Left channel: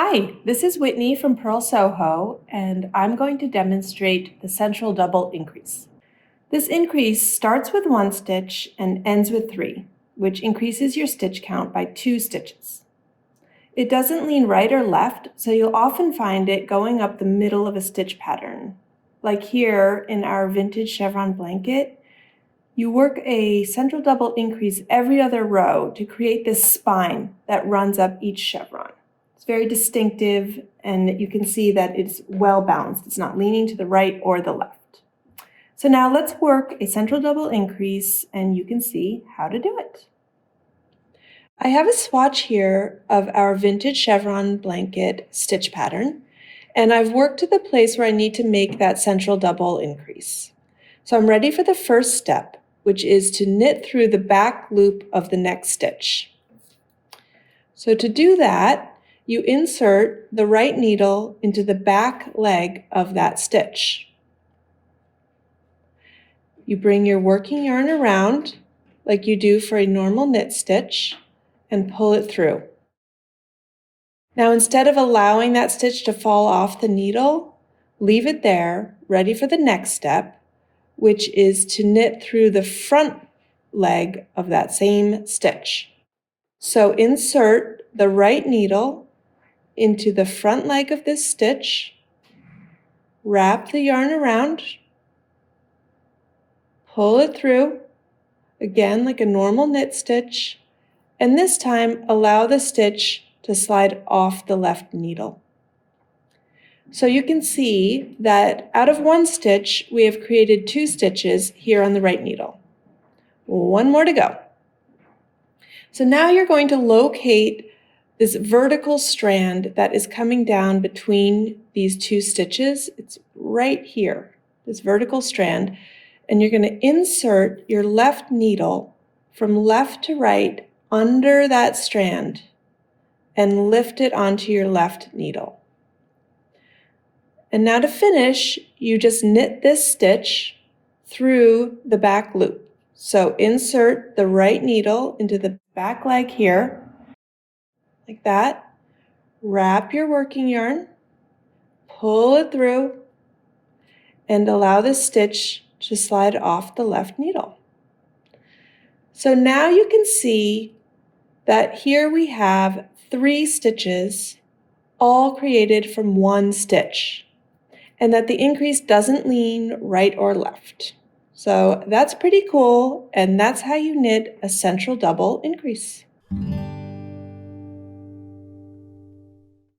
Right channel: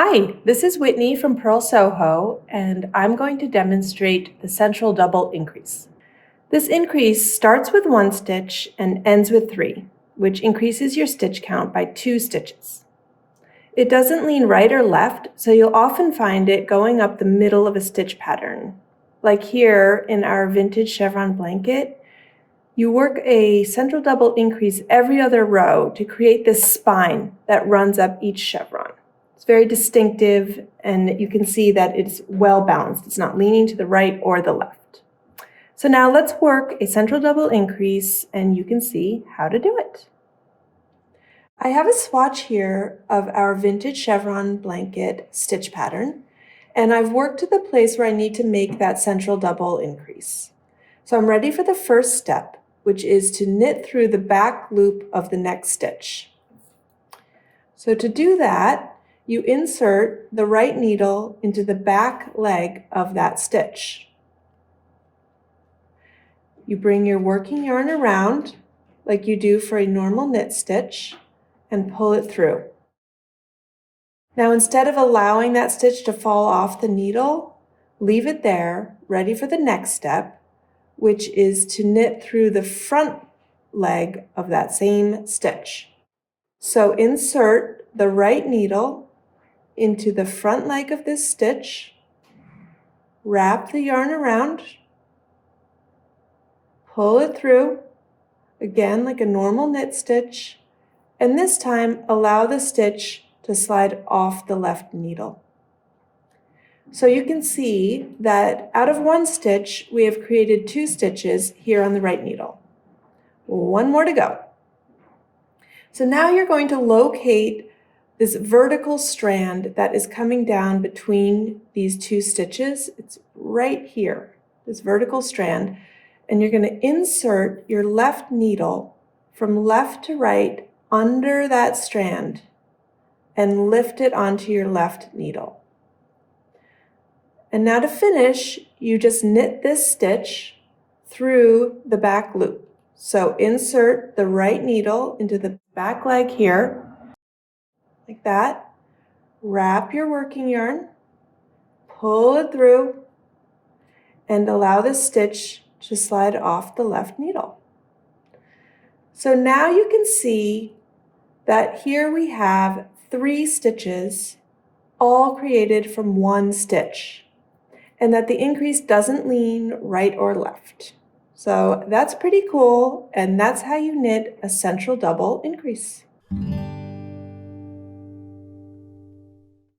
Hi, this is Whitney from Purl Soho, and I'm going to demonstrate the central double increase. This increase starts with 1 stitch and ends with 3, which increases your stitch count by 2 stitches. It doesn't lean right or left, so you'll often find it going up the middle of a stitch pattern. Like here in our Vintage Chevron Blanket, you work a central double increase every other row to create this spine that runs up each chevron. It's very distinctive, and you can see that it's well balanced. It's not leaning to the right or the left. So now let's work a central double increase, and you can see how to do it. I have a swatch here of our Vintage Chevron Blanket stitch pattern, and I've worked to the place where I need to make that central double increase. So I'm ready for the first step, which is to knit through the back loop of the next stitch. So to do that, you insert the right needle into the back leg of that stitch. You bring your working yarn around like you do for a normal knit stitch and pull it through. Now, instead of allowing that stitch to fall off the needle, leave it there, ready for the next step, which is to knit through the front leg of that same stitch. So insert the right needle into the front leg of this stitch, wrap the yarn around, pull it through, again like a normal knit stitch, and this time allow the stitch to slide off the left needle. So you can see that out of 1 stitch, we have created 2 stitches here on the right needle. 1 more to go. So now you're going to locate this vertical strand that is coming down between these 2 stitches. It's right here, this vertical strand, and you're going to insert your left needle from left to right under that strand and lift it onto your left needle. And now to finish, you just knit this stitch through the back loop. So insert the right needle into the back leg here, like that. Wrap your working yarn, pull it through, and allow the stitch to slide off the left needle. So now you can see that here we have 3 stitches, all created from 1 stitch, and that the increase doesn't lean right or left. So that's pretty cool, and that's how you knit a central double increase.